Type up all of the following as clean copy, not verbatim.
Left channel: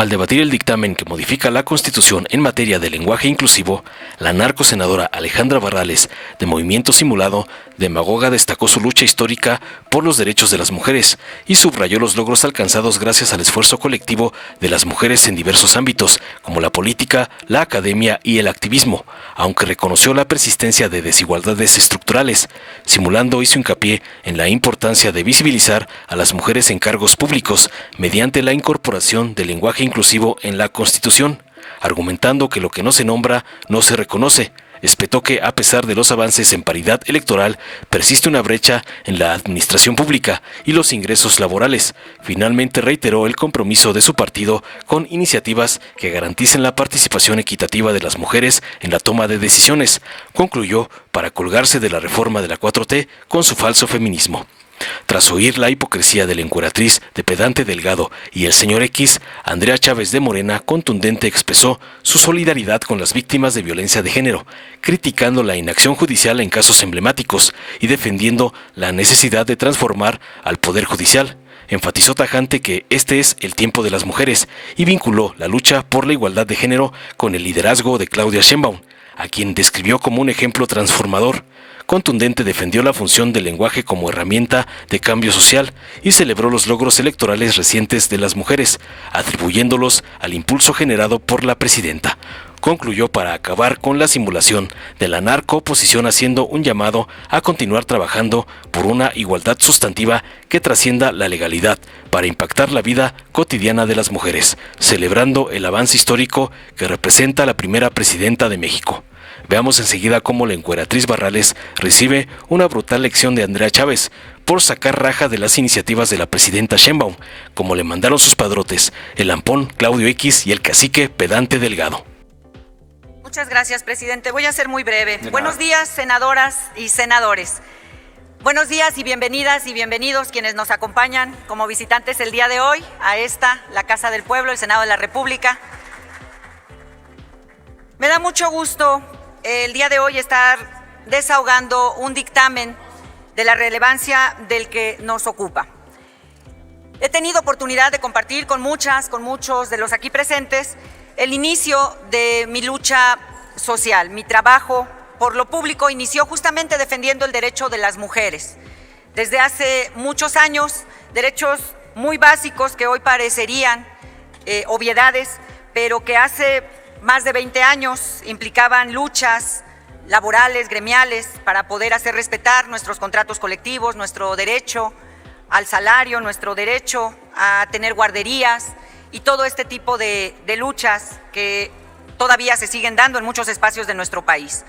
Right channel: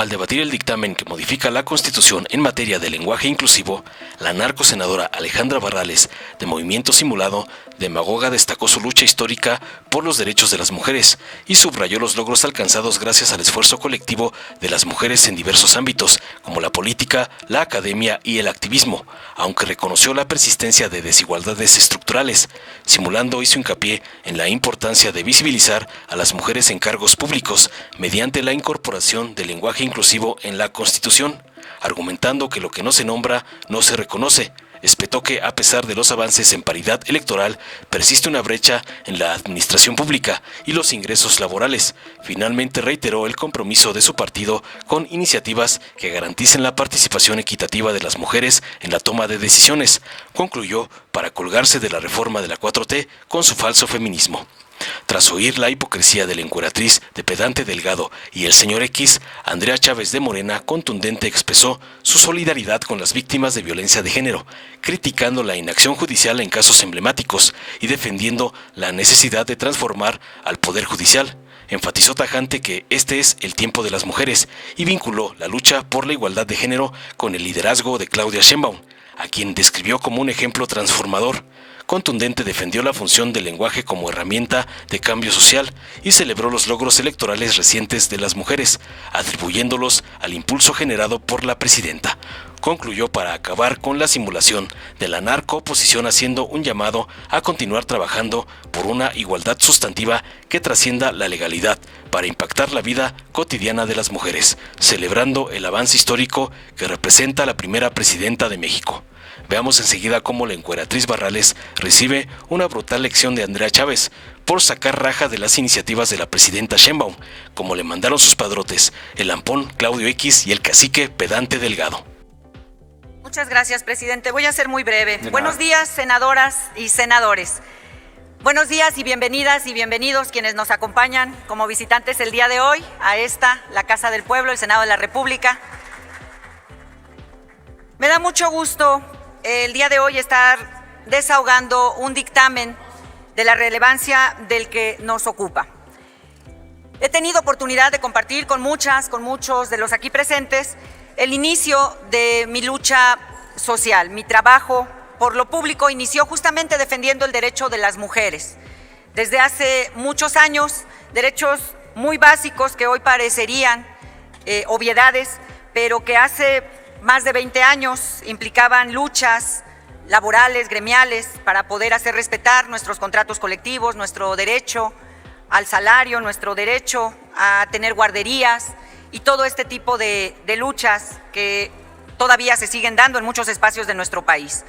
Al debatir el dictamen que modifica la Constitución en materia de lenguaje inclusivo, la narcosenadora Alejandra Barrales, de Movimiento Simulado, demagoga, destacó su lucha histórica por los derechos de las mujeres y subrayó los logros alcanzados gracias al esfuerzo colectivo de las mujeres en diversos ámbitos, como la política, la academia y el activismo, aunque reconoció la persistencia de desigualdades estructurales. Simulando hizo hincapié en la importancia de visibilizar a las mujeres en cargos públicos mediante la incorporación del lenguaje inclusivo en la Constitución, argumentando que lo que no se nombra no se reconoce. Espetó que, a pesar de los avances en paridad electoral, persiste una brecha en la administración pública y los ingresos laborales. Finalmente reiteró el compromiso de su partido con iniciativas que garanticen la participación equitativa de las mujeres en la toma de decisiones. Concluyó para colgarse de la reforma de la 4T con su falso feminismo. Tras oír la hipocresía de la encueratriz de pedante Delgado y el señor X, Andrea Chávez de Morena contundente expresó su solidaridad con las víctimas de violencia de género, criticando la inacción judicial en casos emblemáticos y defendiendo la necesidad de transformar al Poder Judicial. Enfatizó tajante que este es el tiempo de las mujeres y vinculó la lucha por la igualdad de género con el liderazgo de Claudia Sheinbaum, a quien describió como un ejemplo transformador. Contundente defendió la función del lenguaje como herramienta de cambio social y celebró los logros electorales recientes de las mujeres, atribuyéndolos al impulso generado por la presidenta. Concluyó para acabar con la simulación de la narcooposición, haciendo un llamado a continuar trabajando por una igualdad sustantiva que trascienda la legalidad para impactar la vida cotidiana de las mujeres, celebrando el avance histórico que representa la primera presidenta de México. Veamos enseguida cómo la encueratriz Barrales recibe una brutal lección de Andrea Chávez por sacar raja de las iniciativas de la presidenta Sheinbaum, como le mandaron sus padrotes, el lampón Claudio X y el cacique pedante Delgado. Muchas gracias, presidente. Voy a ser muy breve. Buenos días, senadoras y senadores. Buenos días y bienvenidas y bienvenidos quienes nos acompañan como visitantes el día de hoy a esta, la Casa del Pueblo, el Senado de la República. Me da mucho gusto el día de hoy estar desahogando un dictamen de la relevancia del que nos ocupa. He tenido oportunidad de compartir con muchos de los aquí presentes el inicio de mi lucha social. Mi trabajo por lo público inició justamente defendiendo el derecho de las mujeres. Desde hace muchos años, derechos muy básicos que hoy parecerían obviedades, pero que hace más de 20 años implicaban luchas laborales, gremiales, para poder hacer respetar nuestros contratos colectivos, nuestro derecho al salario, nuestro derecho a tener guarderías y todo este tipo de luchas que todavía se siguen dando en muchos espacios de nuestro país.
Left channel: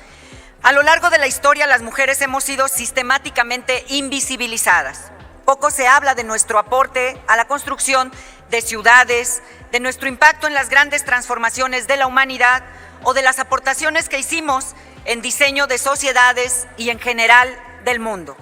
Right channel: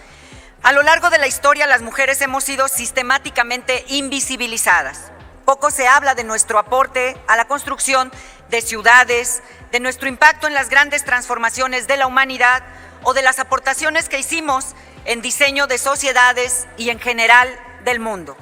A lo largo de la historia, las mujeres hemos sido sistemáticamente invisibilizadas. Poco se habla de nuestro aporte a la construcción de ciudades, de nuestro impacto en las grandes transformaciones de la humanidad o de las aportaciones que hicimos en diseño de sociedades y en general del mundo.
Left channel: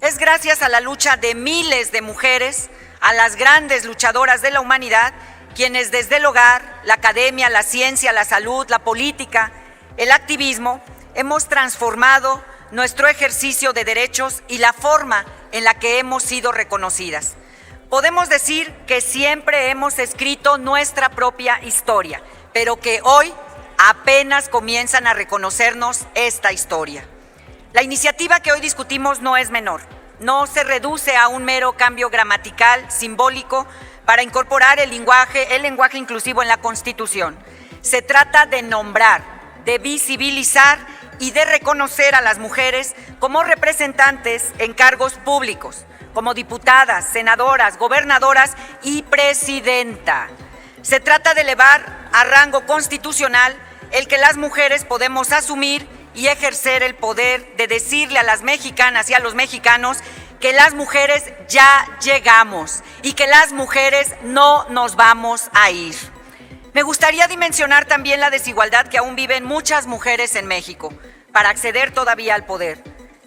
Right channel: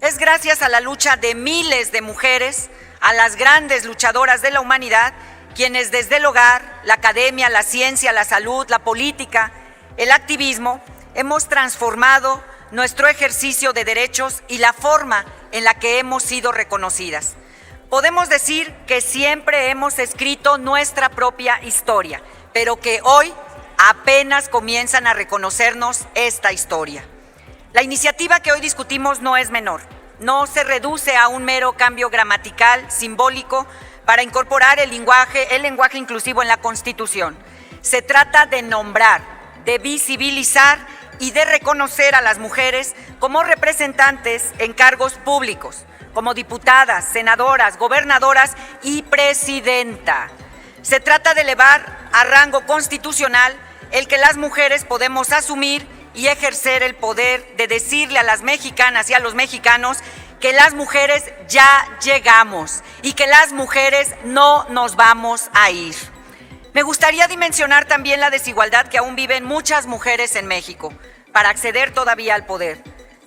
Es gracias a la lucha de miles de mujeres, a las grandes luchadoras de la humanidad, quienes desde el hogar, la academia, la ciencia, la salud, la política, el activismo, hemos transformado nuestro ejercicio de derechos y la forma en la que hemos sido reconocidas. Podemos decir que siempre hemos escrito nuestra propia historia, pero que hoy apenas comienzan a reconocernos esta historia. La iniciativa que hoy discutimos no es menor, no se reduce a un mero cambio gramatical simbólico para incorporar el lenguaje inclusivo en la Constitución. Se trata de nombrar, de visibilizar y de reconocer a las mujeres como representantes en cargos públicos, como diputadas, senadoras, gobernadoras y presidenta. Se trata de elevar a rango constitucional el que las mujeres podemos asumir y ejercer el poder de decirle a las mexicanas y a los mexicanos que las mujeres ya llegamos y que las mujeres no nos vamos a ir. Me gustaría dimensionar también la desigualdad que aún viven muchas mujeres en México para acceder todavía al poder.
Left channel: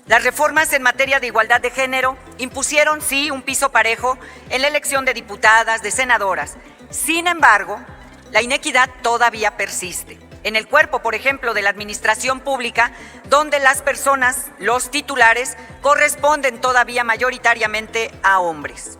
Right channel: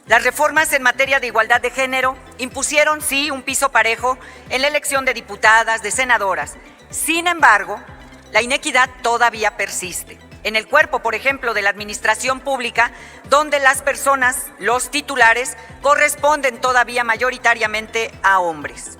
Las reformas en materia de igualdad de género impusieron, sí, un piso parejo en la elección de diputadas, de senadoras. Sin embargo, la inequidad todavía persiste. En el cuerpo, por ejemplo, de la administración pública, donde las personas, los titulares, corresponden todavía mayoritariamente a hombres.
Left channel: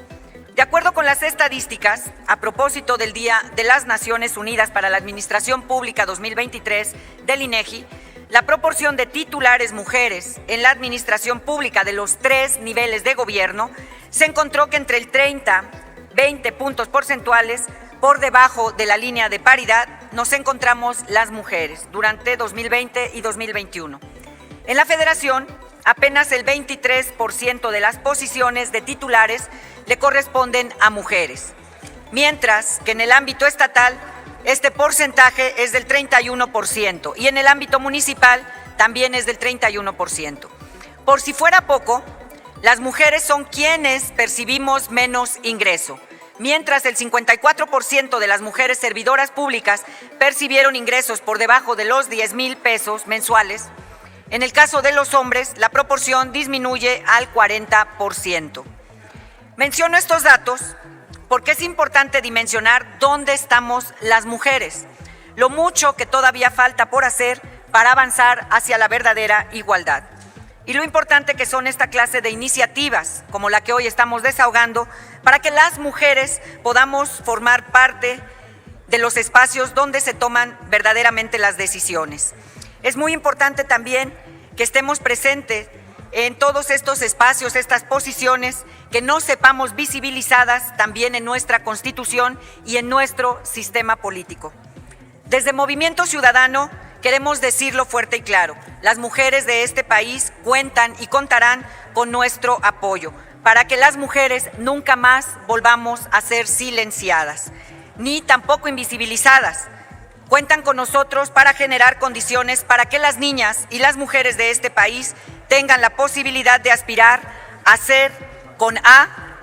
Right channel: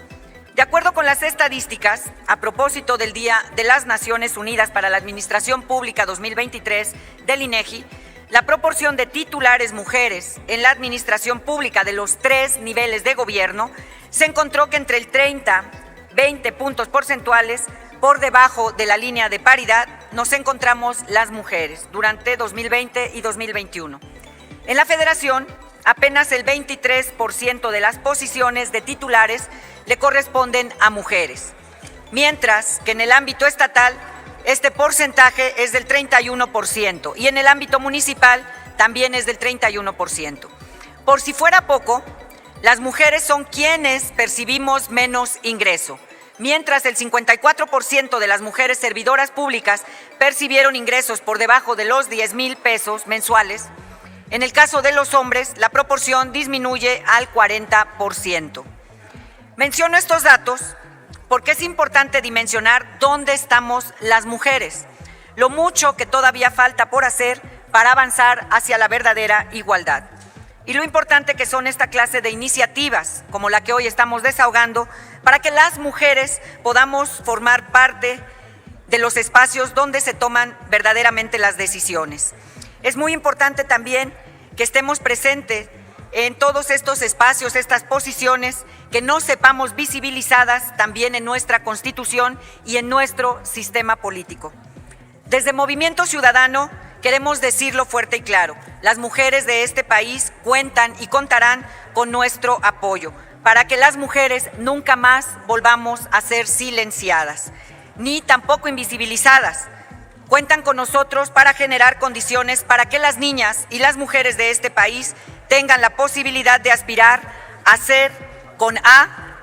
De acuerdo con las estadísticas, a propósito del Día de las Naciones Unidas para la Administración Pública 2023 del INEGI, la proporción de titulares mujeres en la administración pública de los 3 niveles de gobierno se encontró que entre el 30-20 puntos porcentuales por debajo de la línea de paridad nos encontramos las mujeres durante 2020 y 2021. En la Federación, apenas el 23% de las posiciones de titulares le corresponden a mujeres, mientras que en el ámbito estatal este porcentaje es del 31% y en el ámbito municipal también es del 31%. Por si fuera poco, las mujeres son quienes percibimos menos ingreso. Mientras el 54% de las mujeres servidoras públicas percibieron ingresos por debajo de los 10,000 pesos mensuales, en el caso de los hombres, la proporción disminuye al 40%. Menciono estos datos porque es importante dimensionar dónde estamos las mujeres, lo mucho que todavía falta por hacer para avanzar hacia la verdadera igualdad. Y lo importante que son esta clase de iniciativas, como la que hoy estamos desahogando, para que las mujeres podamos formar parte de los espacios donde se toman verdaderamente las decisiones. Es muy importante también que estemos presentes en todos estos espacios, estas posiciones, que no sepamos visibilizadas también en nuestra Constitución y en nuestro sistema político. Desde Movimiento Ciudadano queremos decirlo fuerte y claro: las mujeres de este país cuentan y contarán con nuestro apoyo para que las mujeres nunca más volvamos a ser silenciadas, ni tampoco invisibilizadas. Cuentan con nosotros para generar condiciones para que las niñas y las mujeres de este país tengan la posibilidad de aspirar a ser con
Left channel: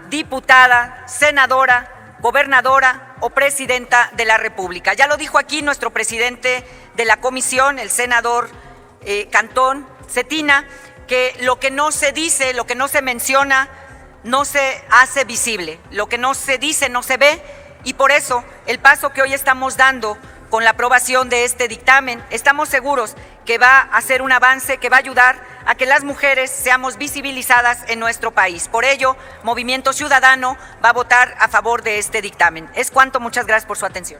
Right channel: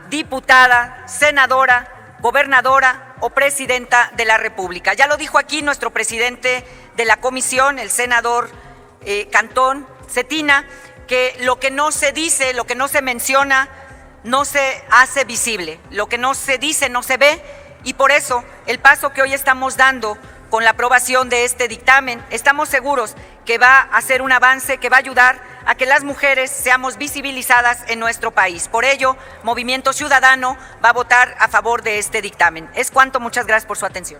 diputada, senadora, gobernadora o presidenta de la República. Ya lo dijo aquí nuestro presidente de la comisión, el senador Cantón Cetina, que lo que no se dice, lo que no se menciona, no se hace visible. Lo que no se dice no se ve, y por eso el paso que hoy estamos dando con la aprobación de este dictamen, estamos seguros que va a ser un avance que va a ayudar a que las mujeres seamos visibilizadas en nuestro país. Por ello, Movimiento Ciudadano va a votar a favor de este dictamen. Es cuanto, muchas gracias por su atención.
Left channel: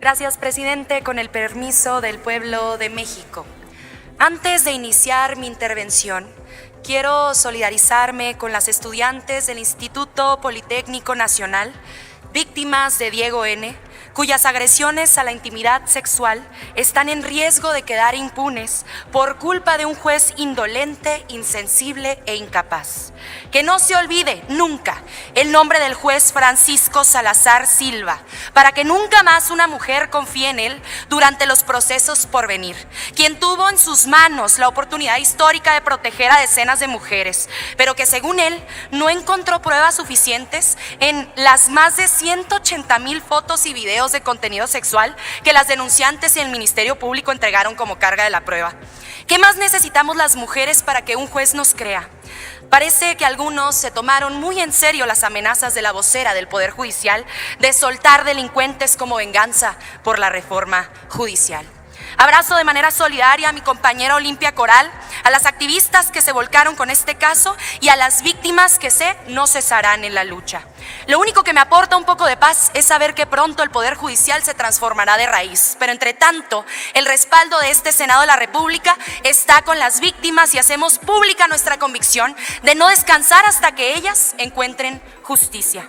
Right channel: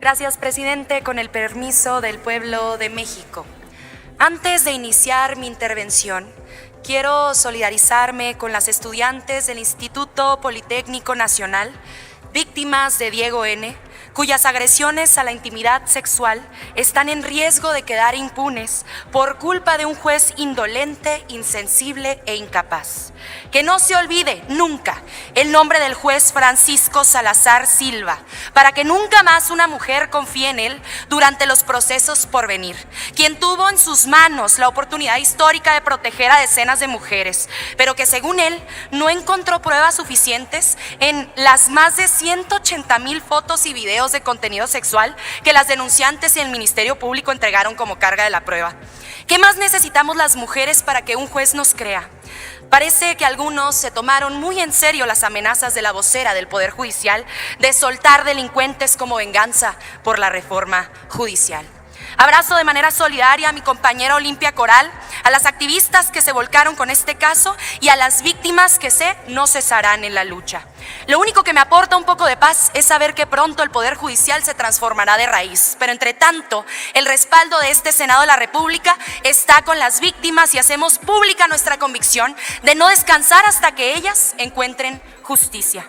Gracias, presidente. Con el permiso del pueblo de México. Antes de iniciar mi intervención, quiero solidarizarme con las estudiantes del Instituto Politécnico Nacional, víctimas de Diego N., cuyas agresiones a la intimidad sexual están en riesgo de quedar impunes por culpa de un juez indolente, insensible e incapaz. Que no se olvide nunca el nombre del juez Francisco Salazar Silva, para que nunca más una mujer confíe en él durante los procesos por venir, quien tuvo en sus manos la oportunidad histórica de proteger a decenas de mujeres, pero que según él no encontró pruebas suficientes en las más de 180,000 fotos y videos de contenido sexual que las denunciantes y el Ministerio Público entregaron como carga de la prueba. ¿Qué más necesitamos las mujeres para que un juez nos crea? Parece que algunos se tomaron muy en serio las amenazas de la vocera del Poder Judicial de soltar delincuentes como venganza por la reforma judicial. Abrazo de manera solidaria a mi compañera Olimpia Coral, a las activistas que se volcaron con este caso y a las víctimas que sé no cesarán en la lucha. Lo único que me aporta un poco de paz es saber que pronto el Poder Judicial se transformará de raíz. Pero entre tanto, el respaldo de este Senado de la República está con las víctimas y hacemos pública nuestra convicción de no descansar hasta que ellas encuentren justicia.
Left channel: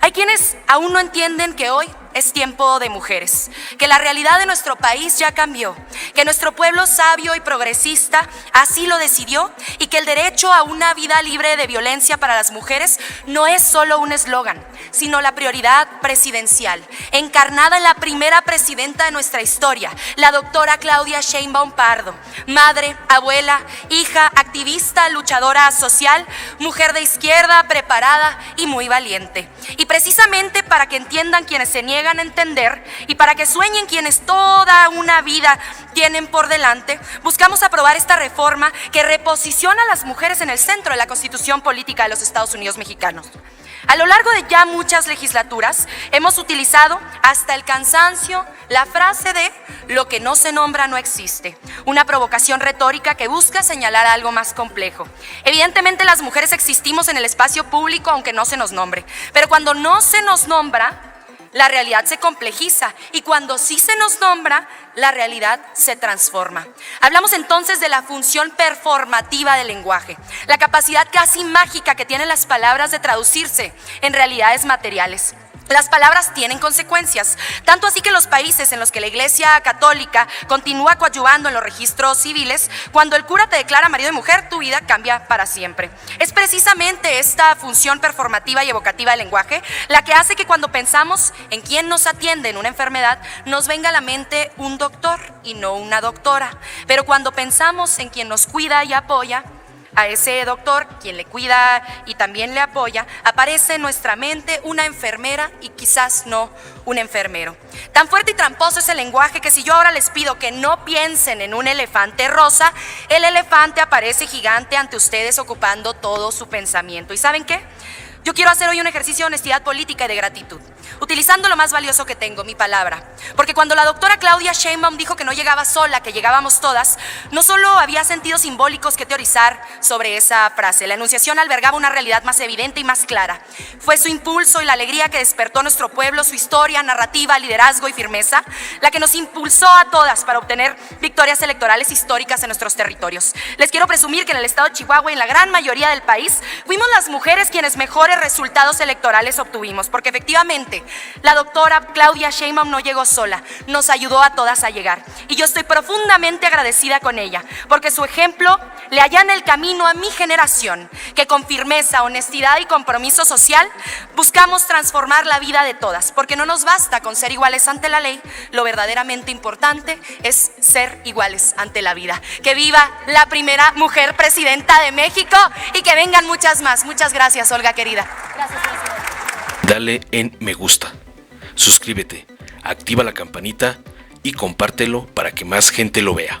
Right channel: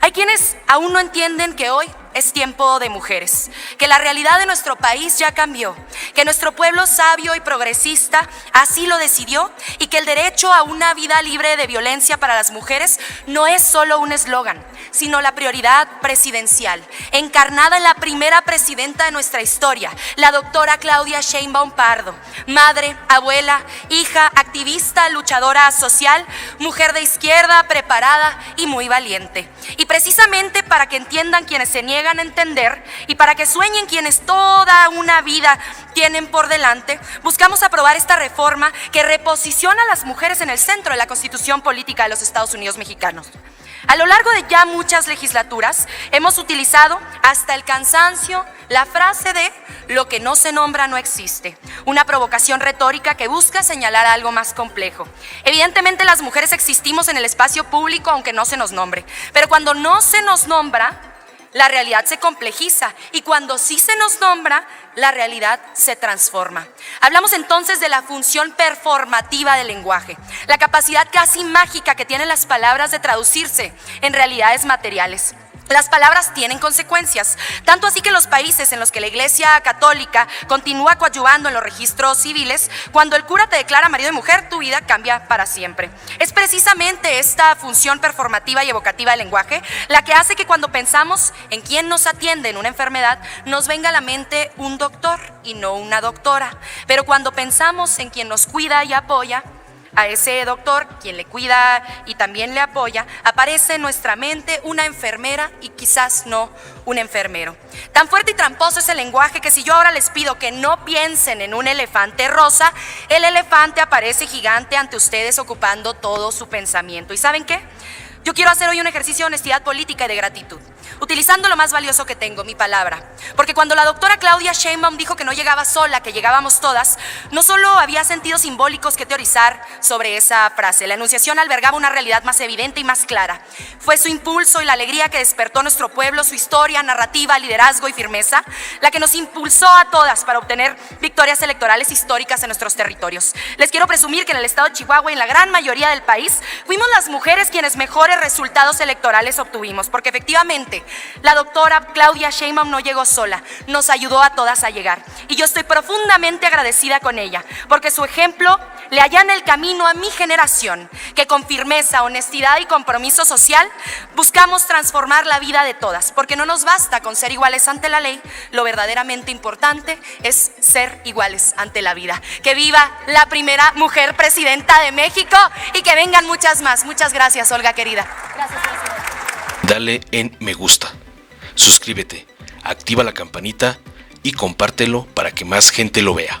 Hay quienes aún no entienden que hoy es tiempo de mujeres, que la realidad de nuestro país ya cambió, que nuestro pueblo sabio y progresista así lo decidió y que el derecho a una vida libre de violencia para las mujeres no es solo un eslogan, sino la prioridad presidencial, encarnada en la primera presidenta de nuestra historia, la doctora Claudia Sheinbaum Pardo, madre, abuela, hija, activista, luchadora social, mujer de izquierda, preparada y muy valiente. Y precisamente para que entiendan quienes se niegan a entender y para que sueñen quienes toda una vida tienen por delante, buscamos aprobar esta reforma que reposiciona a las mujeres en el centro de la Constitución Política de los Estados Unidos mexicanos. A lo largo de ya muchas legislaturas hemos utilizado hasta el cansancio la frase de lo que no se nombra no existe, una provocación retórica que busca señalar algo más complejo. Evidentemente las mujeres existimos en el espacio público aunque no se nos nombre, pero cuando no se nos nombra, la realidad se complejiza y cuando sí se nos nombra, la realidad se transforma. Hablamos entonces de la función performativa del lenguaje, la capacidad casi mágica que tienen las palabras de traducirse en realidades materiales. Las palabras tienen consecuencias, tanto así que en los países en los que la Iglesia Católica continúa coadyuvando en los registros civiles, cuando el cura te declara marido y mujer, tu vida cambia para siempre. Es precisamente esta función performativa y evocativa del lenguaje la que hace que cuando pensamos en quién nos atiende en una enfermedad, nos venga a la mente un doctor y no una doctora. Pero cuando pensamos en quien nos cuida y apoya, a ese doctor, quien le cuida y también le apoya, aparece en nuestra mente una enfermera y quizás no un enfermero. Tan fuerte y tramposo es el lenguaje que si yo ahora les pido que no piensen en un elefante rosa, el elefante aparece gigante ante ustedes ocupando todo su pensamiento. ¿Y saben qué? Yo quiero hacer hoy un ejercicio de honestidad política y de gratitud, utilizando lo más valioso que tengo, mi palabra. Porque cuando la doctora Claudia Sheinbaum dijo que no llegaba sola, que llegábamos todas, no solo había sentidos simbólicos que teorizar sobre esa frase. La enunciación albergaba una realidad más evidente y más clara. Fue su impulso y la alegría que despertó nuestro pueblo, su historia, narrativa, liderazgo y firmeza, la que nos impulsó a todas para obtener victorias electorales históricas en nuestros territorios. Les quiero presumir que en el estado de Chihuahua y en la gran mayoría del país, fuimos las mujeres quienes mejores resultados electorales obtuvimos, porque efectivamente la doctora Claudia Sheinbaum no llegó sola, nos ayudó a todas a llegar. Y yo estoy profundamente agradecida con ella, porque su ejemplo le allana el camino a mi generación, que con firmeza, honestidad y compromiso social buscamos transformar la vida de todas, porque no nos basta con ser iguales ante la ley, lo verdaderamente importante es ser iguales ante la vida. Que viva la primera mujer presidenta de México y que vengan muchas más. Muchas gracias, Olga querida. Gracias. Dale en me gusta, suscríbete, activa la campanita y compártelo para que más gente lo vea.